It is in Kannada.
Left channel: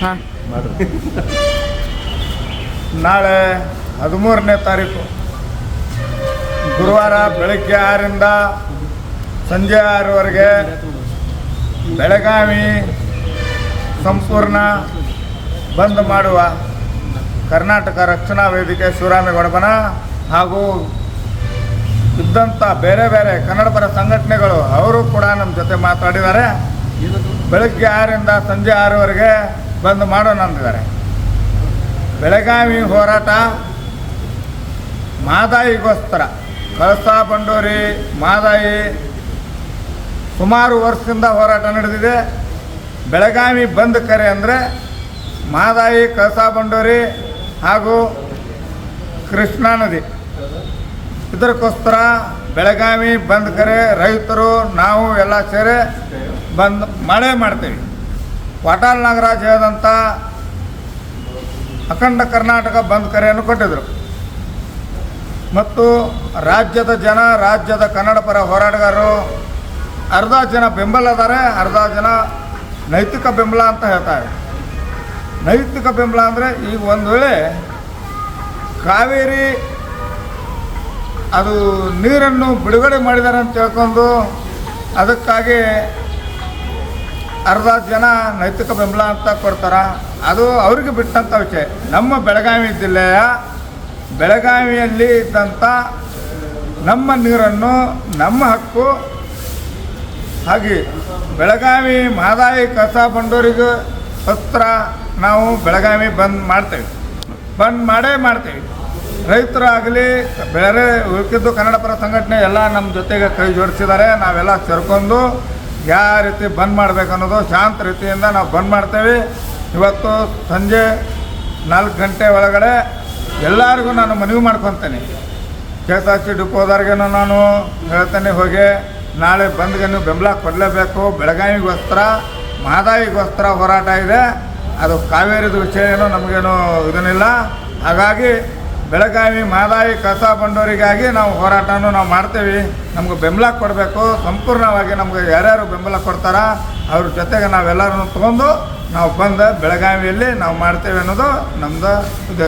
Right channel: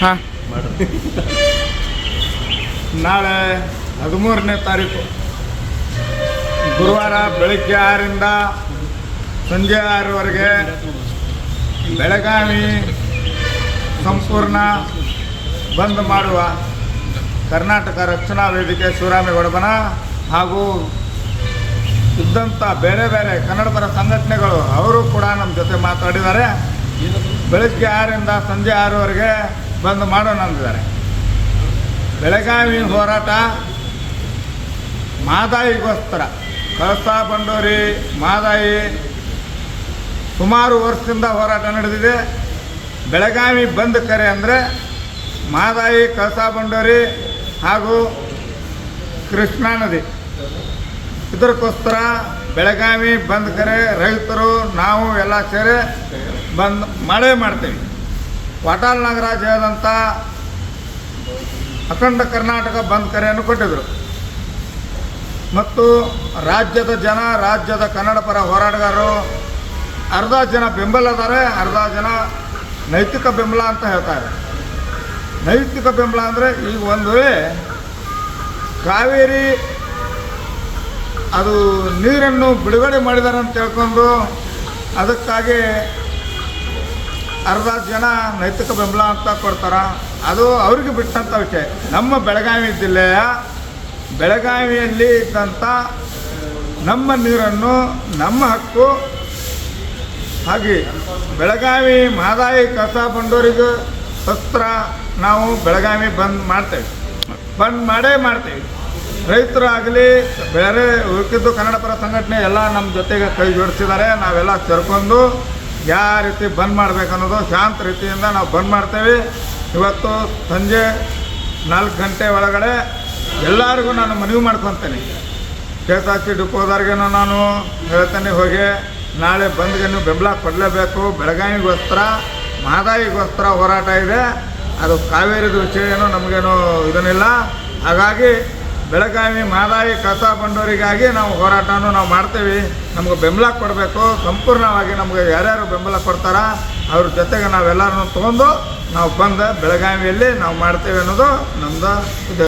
ಹಾಂ, ನಾಳೆ 13ನೇ ತಾರೀಕು ಗುರುವಾರ ಬೆಳಗ್ಗೆ 6ರಿಂದ ಸಂಜೆ 6ವರೆಗೆ ಬೆಳಗಾವಿ ಸಂಪೂರ್ಣ ಬಂದ್ ಮಾಡುವ ಕರ್ನಾಟಕ ರಕ್ಷಣಾ ವೇದಿಕೆ ಶಿವರಾಮೇಗೌಡಬನ ಹಾಗೂ ಇದ್ದಂಥ ಬೇರೆ ಬೇರೆ ಕನ್ನಡಪರ ಸಂಘಟನೆಗಳು ಅವರು ಕೂಡ ನಮ್ಮ ಜೊತೆ ಮಾತಾಡಿದ್ದಾರೆ. ಬೆಳಗ್ಗೆ 6ರಿಂದ ಸಂಜೆ 6ವರೆಗೆ ಬಂದ್ ಮಾಡೋಣ ಅಂದಿದ್ದಾರೆ. ಬೆಳಗಾವಿ ಹೋರಾಟ ಮಾದಾಯಿಗೋಸ್ಕರ, ಕಳಸಾ ಬಂಡೂರಿ ಮಾದಾಯಿ ಸುಮಾರು ವರ್ಷದಿಂದ ಹೋರಾಟ ನಡೆದಿದೆ. ಬೆಳಗಾವಿ ಬಂದ್ ಕರೆ ಅಂದರೆ ಮಾದಾಯಿ, ಕಳಸಾ ಬಂಡೂರಿ ಹಾಗೂ ಕೃಷ್ಣಾ ನದಿ, ಇದಕ್ಕೋಸ್ಕರ ಬೆಳಗಾವಿ ಬಂದ್ ಕರೆ ರೈತರು ನಾವು ಎಲ್ಲ ಸೇರಿ ಬಂದ್ ಮಾಡೇ ಮಾಡ್ತೀವಿ. ವಾಟಾಳ್ ನಾಗರಾಜ್ ಹೇಳಿದಂಥ ಅಖಂಡ ಕರ್ನಾಟಕ ಬಂದ್ ಕರೆಯನ್ನು ಕೊಟ್ಟಿದ್ದರು ಮತ್ತು ರಾಜ್ಯದ ಜನ, ರಾಜ್ಯದ ಕನ್ನಡ ಪರ ಹೋರಾಟಗಾರರು ಅರ್ಧ ಜನ ಬೆಂಬಲ ಅದಾರೆ, ಅರ್ಧ ಜನ ನೈತಿಕ ಬೆಂಬಲ ಅಂತ ಹೇಳ್ತಾರೆ. ನೈತಿಕ ಬೆಂಬಲ ಅಂದರೆ ಈಗ ಒಂದು ವೇಳೆ ಕಾವೇರಿ ಅದು ನೀರನ್ನು ಬಿಡುಗಡೆ ಮಾಡಿದ್ದಾರೆ ಅಂತ ತಿಳ್ಕೊಂಡು ಅದಕ್ಕಾಗಿ ಅರ್ಧ ಜನ ನೈತಿಕ ಬೆಂಬಲ ಅಂತ ಕೊಡ್ತಾರೆ. ಅದು ಅವ್ರಿಗೆ ಬಿಟ್ಟಂಥ ವಿಷಯ. ನಮ್ಮ ಬೆಳಗಾವಿ ಜಿಲ್ಲೆಯ ಬೆಳಗಾವಿಯಲ್ಲಿ ಇದ್ದಂಥ ನಮ್ಮ ನೀರನ್ನು, ನಮ್ಮ ಹಕ್ಕು, ಹಾಗೆ ಬೆಳಗಾವಿ ಮಾದಾಯಿ ಕಳಸಾ ಬಂಡೂರಿಗೆ ಹತ್ರ ನಾವು ಬೆಳಗಾವಿ ಬಂದ್ ಮಾಡ್ತೇವೆ, ಬಂದ್ ಮಾಡೇ ಮಾಡ್ತೇವೆ. ರೈತರಾಗಲಿ ಬೇರೆ ಉಳಿದಿದ್ದು ಕನ್ನಡ ಪರ ಸಂಘಟನೆ ಎಲ್ಲ ನಮ್ಮ ಜೊತೆಗೆ ಕೈ ಜೋಡಿಸಿದ್ದಾರೆ. ನಾವೆಲ್ಲ ಸೇರ್ಕೊಂಡು ಯಾವ ರೀತಿ ಬಂದ್ ಮಾಡಬೇಕು ಅನ್ನೋದು ಶಾಂತ ರೀತಿಯಿಂದ ನಾವು ಬಂದ್ ಮಾಡ್ತೇವೆ. ಇವತ್ತು ಸಂಜೆ 4 ಗಂಟೆ ಒಳಗಡೆ ಎಲ್ಲರಿಗೂ ನಾನು ಮನವಿ ಮಾಡ್ಕೊತೇನೆ. KSRTC ಡಿಪೋದವ್ರಿಗೇನು ನಾನು ಹೇಳ್ತೇನೆ, ಹೋಗಿ ನಾಳೆ ಬಂದ್ಗೆ ನೀವು ಬೆಂಬಲ ಕೊಡಲೇಬೇಕು. ಬೆಳಗಾವಿಗೋಸ್ಕರ, ಮಾದಾಯಿಗೋಸ್ಕರ ಹೋರಾಟ ಇದೆ. ಅದು ಕಾವೇರಿದು ವಿಷಯ ಏನು ನಮಗೇನು ಇದನ್ನಿಲ್ಲ. ಹಾಗಾಗಿ ಬೆಳಗಾವಿ ಮಾದಾಯಿ ಕಳಸಾ ಬಂಡೂರಿಗಾಗಿ ನಾವು ಹೋರಾಟನೂ ನಾವು ಮಾಡ್ತೇವೆ. ನಮ್ಗೆ ಬೆಂಬಲ ಕೊಡಬೇಕು. ಸಂಪೂರ್ಣವಾಗಿ ನಮಗೆ ಯಾರ್ಯಾರು ಬೆಂಬಲ ಕೊಡ್ತಾರ ಅವ್ರ ಜೊತೆಗೆ ನಾವೆಲ್ಲರೂ ತೊಗೊಂಡು ನಾವು ಬಂದು ಬೆಳಗಾವಿಯಲ್ಲಿ ನಾವು ಮಾಡ್ತೇವೆ ಅನ್ನೋದು ನಮ್ಮದು ಇದೆ.